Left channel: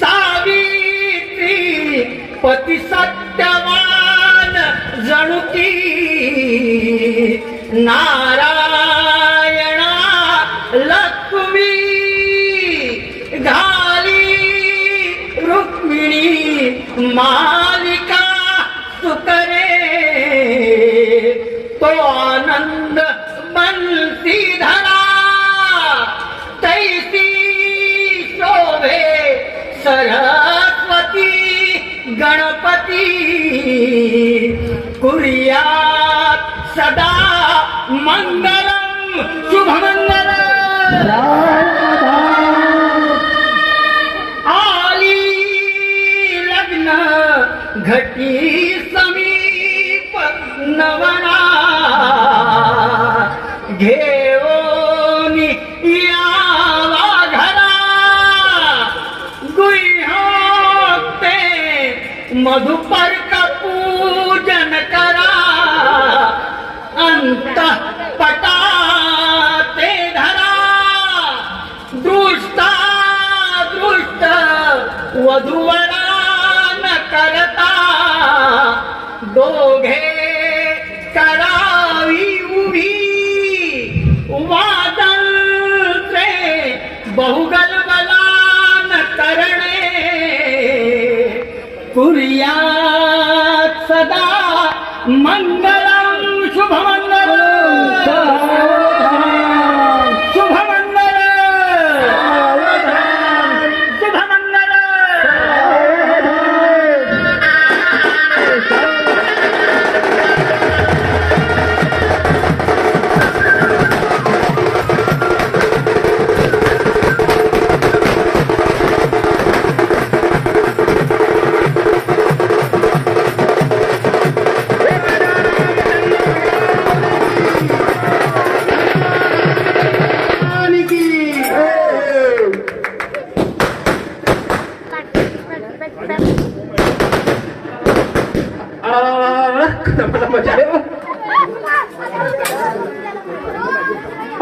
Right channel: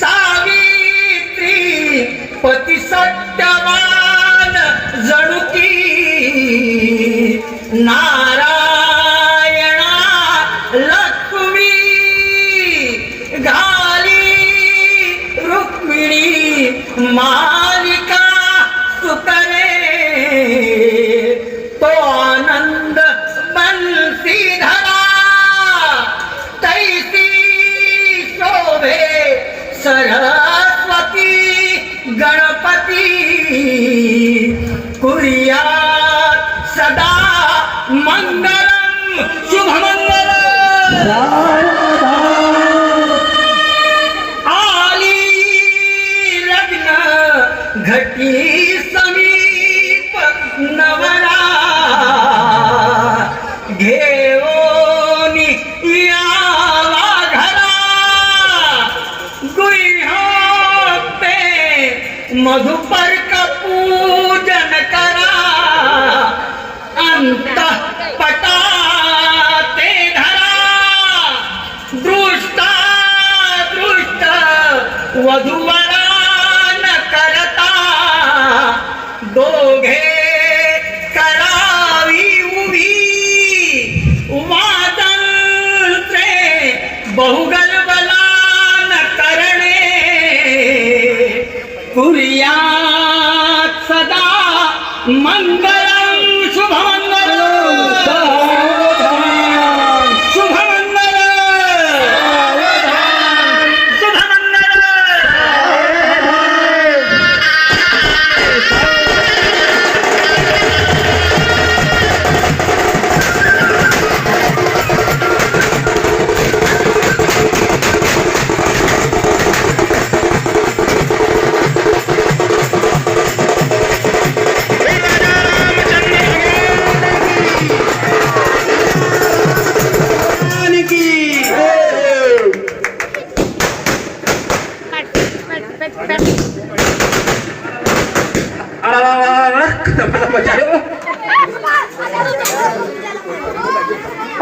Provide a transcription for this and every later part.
सावित्री पती सत्यवान जणू की नारायणा लक्ष्मी घाली रुक्मिणी मालिका सुतरे तो आनंद बंसीधरा तैसी शोभे सरस्वती गणपती कुर्यात सदा मंगलम शुभमंगलम आली लग्न घटी समीप नवरा घेऊनी यावा घरा गुह्योक्ते मधुपर्क पूजन करा अंतःपटाते धरा दृष्टा दृष्ट वधूवरा न करता दोघे करावी उभी वादळचे बहुगलबलान करणे कुर्यात सदा मंगलम शुभमंगलम शुभमंगलम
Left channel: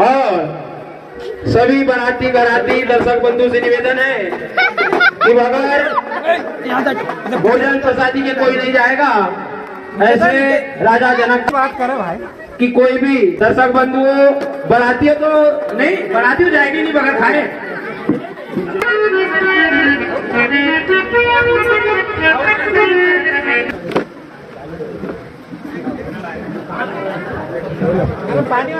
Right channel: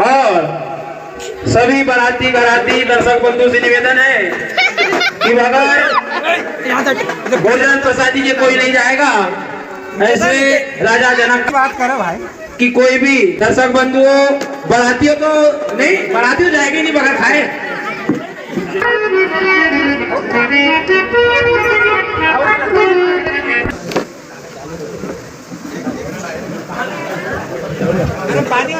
और सभी बाराती बाराती दर्शक बंधु से निवेदन है कि बगैर भोजन प्रसादी के कोई नहीं जाएगा। ऐसे राजा जनक की बात करो भाई कि कोई भी दर्शक बंधुओं बारातियों को नहीं, बाराती जाएगी नहीं बगैर खाए। पानी